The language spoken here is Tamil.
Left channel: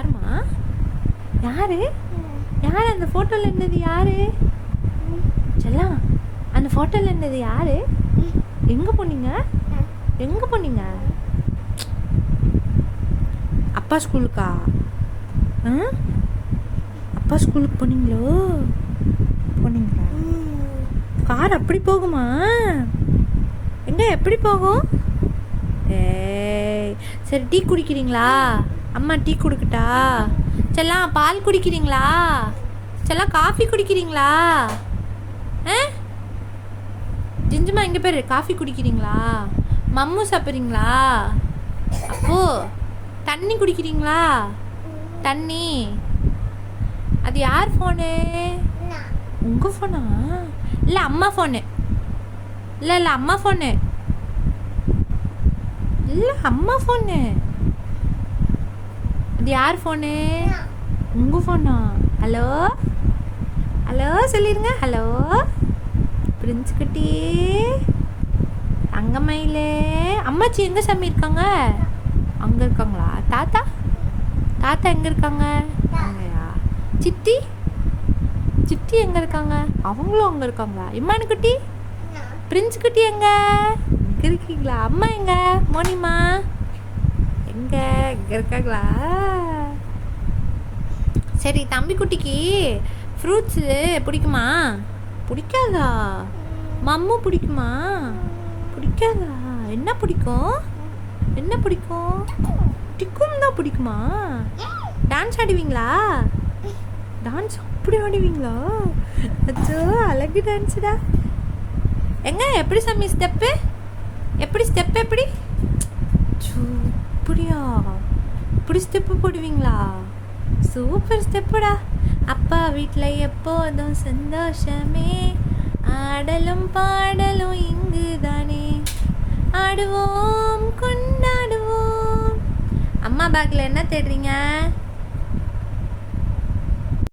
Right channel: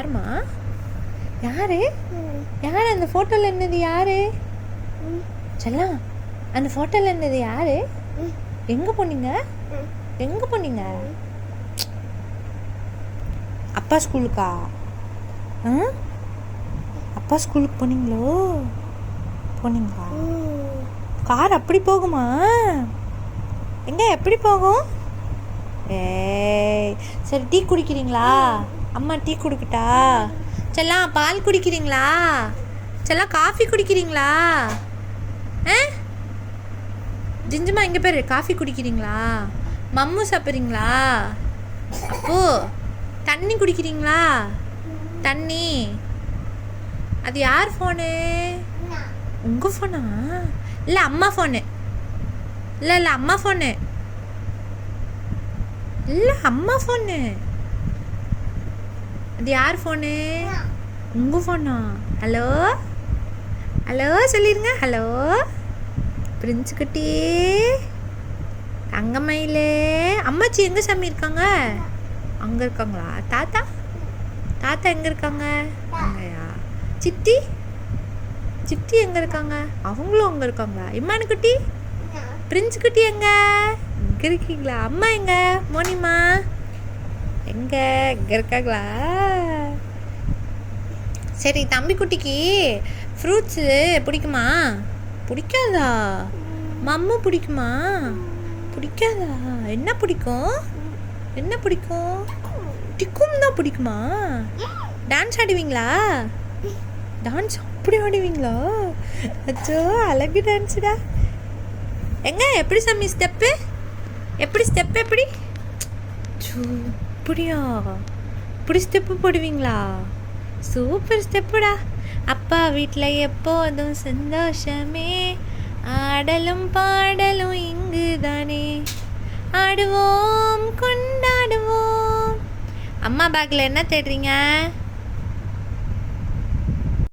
யாருமா? யாரு யாரு அந்த ஃபோட்டோவில் என்னது? யாரு செல்லம்? அந்த ஃபோட்டோவில் என்னது யாரு? எங்கே போனீங்க? எங்கே போனீங்க? அப்பா ஸ்கூலுக்கா? அப்பா ஸ்கூலுக்கு போனீங்களோ? போனீங்களா? கார் அப்படி போகுமா? எங்க எப்படி போகும்? ஏய் சரி, டீ குடிக்கிறீங்களா? அம்மா டீ குடிக்கட்டா? செல்லம் பால் குடிக்கிறீங்களா? செல்லம் காஃபி குடிக்கிறீங்களா? ஜிஞ்சுமா இங்கே பேர் காஃபி குடிக்கிறீங்களா? மம்மு சாப்பிட்றீங்களா? அப்போ தண்ணி குடிக்கிறீங்களா? தண்ணி. அது யார் ஃபோனு? உங்கள் ஃபோனா? இல்லை அம்மா ஃபோனு. இல்லை இல்லை அம்மா ஃபோனு. இல்லை அம்மா ஃபோனு. அது யார் ஃபோனு? உங்கள் ஃபோனா? ஹலோ ஹலோ சொல்லிடுங்க. ஹலோ பிரின்ஸ் குட்டி, தங்கமயிலே. அம்மாச்சி எங்கே சாமி இருக்காங்க? அங்கே இருக்காங்களா? தாத்தா தாத்தா எங்கே இருக்காங்க? அங்கேயா? சித்தி சித்தி எங்கே இருக்காங்க? அவங்களும் அங்கே இருக்காங்களா? இம்மானு குட்டி, பிரின்ஸ் குட்டி எங்கே இருக்கீங்களா? அம்மா எங்க? மோனிமா எங்கே இங்கே இருக்காங்களா? சரி, தம்பி குட்டிக்கு ஃப்ரூட்ஸு பிடிக்குமா? பிடிக்காதா? மம்மு பிடிக்குமா? பிடிக்காதா? என்ன பிடிக்கும்? என்ன பிடிக்கும்? டிக்கும் தான் பிடிக்குமா? டான்ஸ் ஆடுவீங்களா? டான்ஸ் அப்படி ஆடுவீங்களா? அச்சோ அழகு டான்ஸுடா. எங்க எப்படி சாமி ஸ்டெப்பு? எப்படி ஸ்டெப் எப்படி? அப்படியா? இப்படி ஸ்டெப்பு போடுவீங்களா? சூப்பர் ஸ்டெப்புடா. அப்பா வீட்டில் எப்போதும் சந்தோஷமே, ஆடலும் பாடலும் இங்கு தானே, ஆடுவோம் கொண்டாடுவோம். அம்மா பேக்கில் என்ன தேடுறீங்க?